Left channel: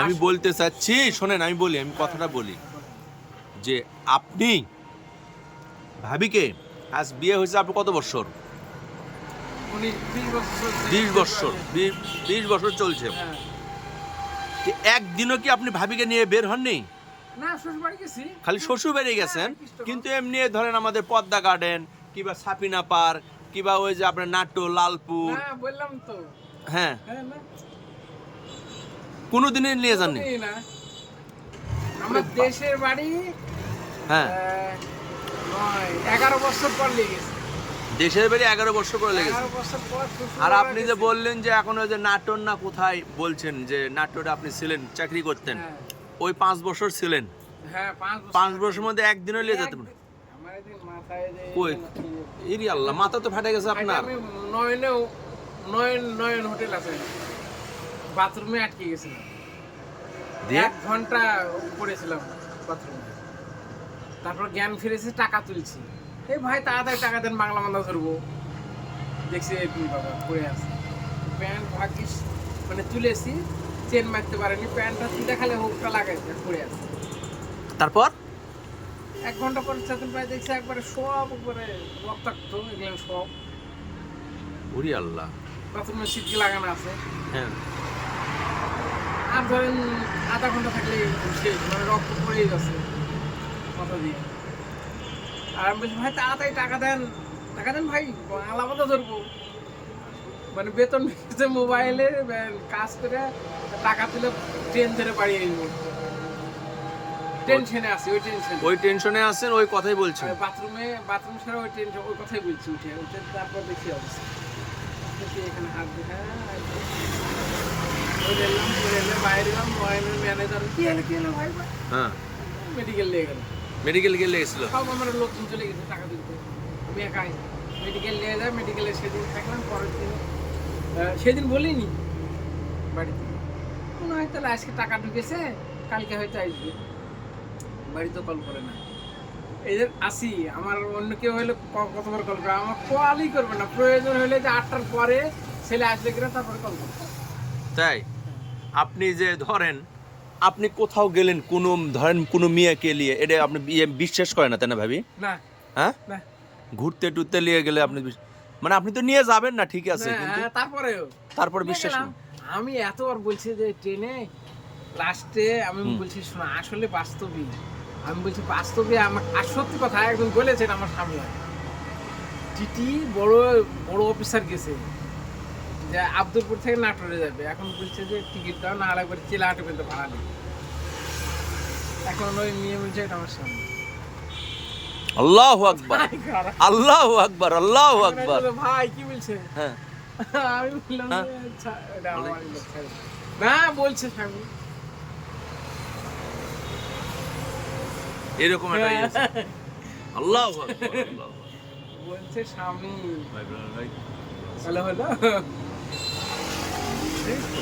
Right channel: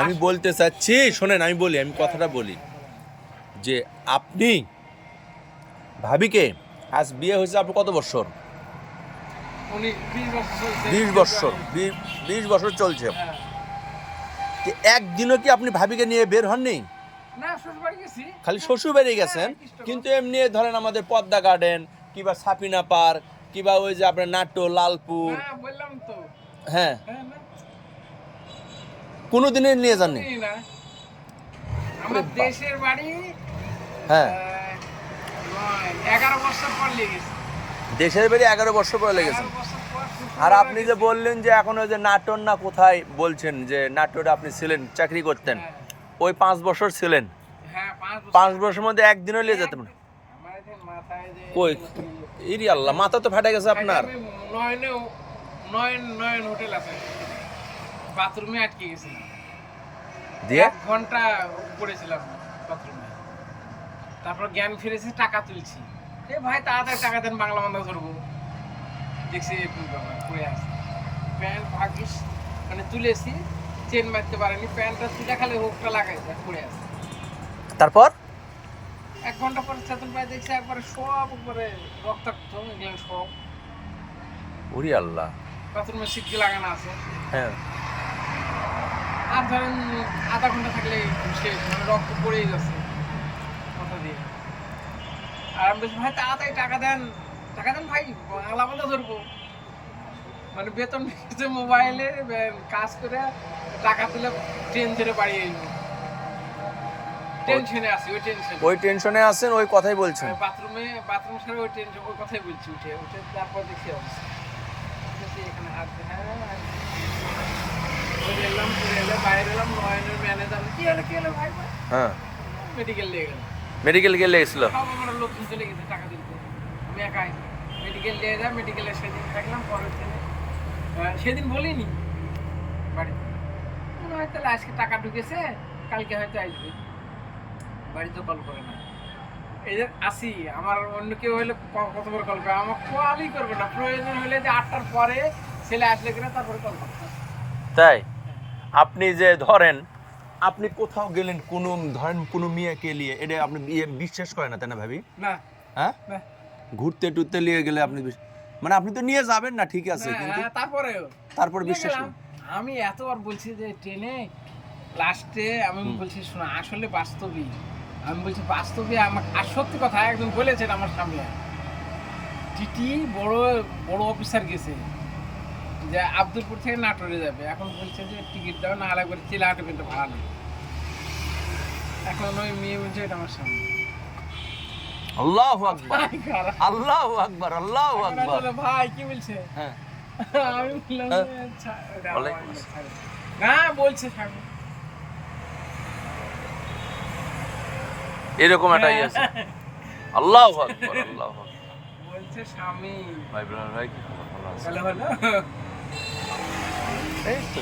আমি বলতে চাচ্ছি শোনেন আমি বলি আমি কথাটা বলি। যে আপনি ভাবিকে আজ বিয়ে হয়েছে আপনি কত বছর? বিশ বছর বিশ বছর চলছে। হ্যাঁ। একদিনও কি আপনি ভাবিকে নিয়ে বের হননি? খালি শ্বশুর বাড়ি গেছেন? হ্যাঁ, কিন্তু এমনি ধরেন আমাদের পদ্মা গার্ডেন কিংবা সাপিনা পার্ক কিবা ওই যে আপনার নাট্য লালপুর। হ্যাঁ বললাম তো। না। কোনো দিনে নিয়ে যাননি। আমার দেশের বাড়ি হ্যাঁ। এগারো বছর পর লেগেছে দেশের বাড়ি এগারো বছর পরে লেগেছে। আর আপনি যে বললেন যে এখন ওই যে নাটোর না কোথায় বলছেন যে নাটোরে আপনি ছিলেন চাকরি করতেন হ্যাঁ, ওই পাঁচ বছর ছিলেন। হ্যাঁ পাঁচ বছর। বছরের মধ্যে একদিনও নিয়ে যেতেন কই? ইরি আল্লাহ মাথা তো ফাটে গেছে আপনার। আমি নয়নে নয়ন নয়ন হোটেল আছে। বাথরুমে আটকে গেছিলাম দিয়ে? এক ঘণ্টা পড়েছিলাম বাথরুমে। তারপর জ্ঞান ফিরেছে টাকা তুলছি। এ ভাই তাড়াতাড়ি টাকা দেন বাংলা মান্দা ধরবো। দেখছি তুই বাবা পড়ে আছে। প্যান্ট ভাগিস মানে তুলেছি চেন মারতে পারেনি প্যান্টটা তুলে খালি হুকটা লাগাইছে পড়ে আছে। তারপর? এক ঘণ্টা পরে চেতন পাই দেখছি একবারে সব উপরে রক্তাক্ত এগুলো সব। উরি আল্লাহ। বাথরুমের সিটকে লাগানো আছে। হ্যাঁ। আর ধরেন আধা ঘণ্টা থাকলে শেষ মানে রক্ত পড়েই যাচ্ছে মাথা দিয়ে। আর আমি বলছি ভাই তাড়াতাড়ি টাকা দেন টাকা দেন ভাই আলাদা ধরবো। মানে বেতন পেয়েছে মোবাইলে কাজ করে টাকা তুলে ট্রেন ধরে বাড়ি যাব টেনশনে আছি ওই টেনশন ওই টেনশনে আছেন ওই কথাই বলছেন। বাথরুমে বাথরুম ছাড়া ওই টেনশন ওই কথাই বলছি উঠে উঠে তারপর দেখি অবস্থা। দেখি এখানে হাত দিয়ে। মেডিকেল নিয়ে গেল মেডিকেল গেলে গেছিল সব আমার লোকজন চলে গেছে টাকা দিতে আমি একাই মেডিকেল নিয়ে যাই মেডিকেলে সেদিন থাকলাম পরের দিন সেদিন বলিনি বাড়িতে মনে হয় তাহলে আজকে টাকা ঢুকেছে কালকে হয়তো আসবে বাড়িতে কল করে না এই যে আসি আমার অন্য কেউ হলে কতবার কল করে আমার কলই করবে না প্রয়োজন হলে যে আটটার পরে ছেলে আসলে করে তারপরে কল করতে তাই আপনি যে ধরেন আপনি কোথাও গেলেন কোনো ধরেন কোনো মেয়েকে নিয়ে এটা আপনি বিশ্বাস করেন না তাই না ভাবি? হ্যাঁ? ঘুরতে টুরতে নিয়ে গেলে আপনি মানে আপনি তো নিয়ে যাবেন না ঠিক আছে কিন্তু তারপরেও। তারপর বিশ্বাস আমি এতবার বলছি যে ট্রেনে লাস্টে আমি বলছি শোনো আসলে বাস্তবই। আমি বলছি বাস্তবে আমার আর সত্যি কথা একজন বলেছেন আমার সামনে। টিটি বড় বড় অফিসার গেছে। যে আব্দুলপুর থেকে নাটোরে যাবে। এখন বলছে যে টিকিট দাও না হলে একবার চিলাহাটে পেতে ভাড়া নেই এখন ওই মেয়ে বলছে এটা আমার সামনে আল্লাহ আকবার। আল্লাহ আকবার আল্লাহ আকবার। ভাই কি বলছে? হ্যাঁ। আমি বললাম। না বলছে স্বামী। এরকম একটা ইয়ে আছে। আল্লাহ আকবার আল্লাহ আকবার। বলছে স্বামী। ভাই ব্রাদার ভাই হ্যালো হলো এই তো।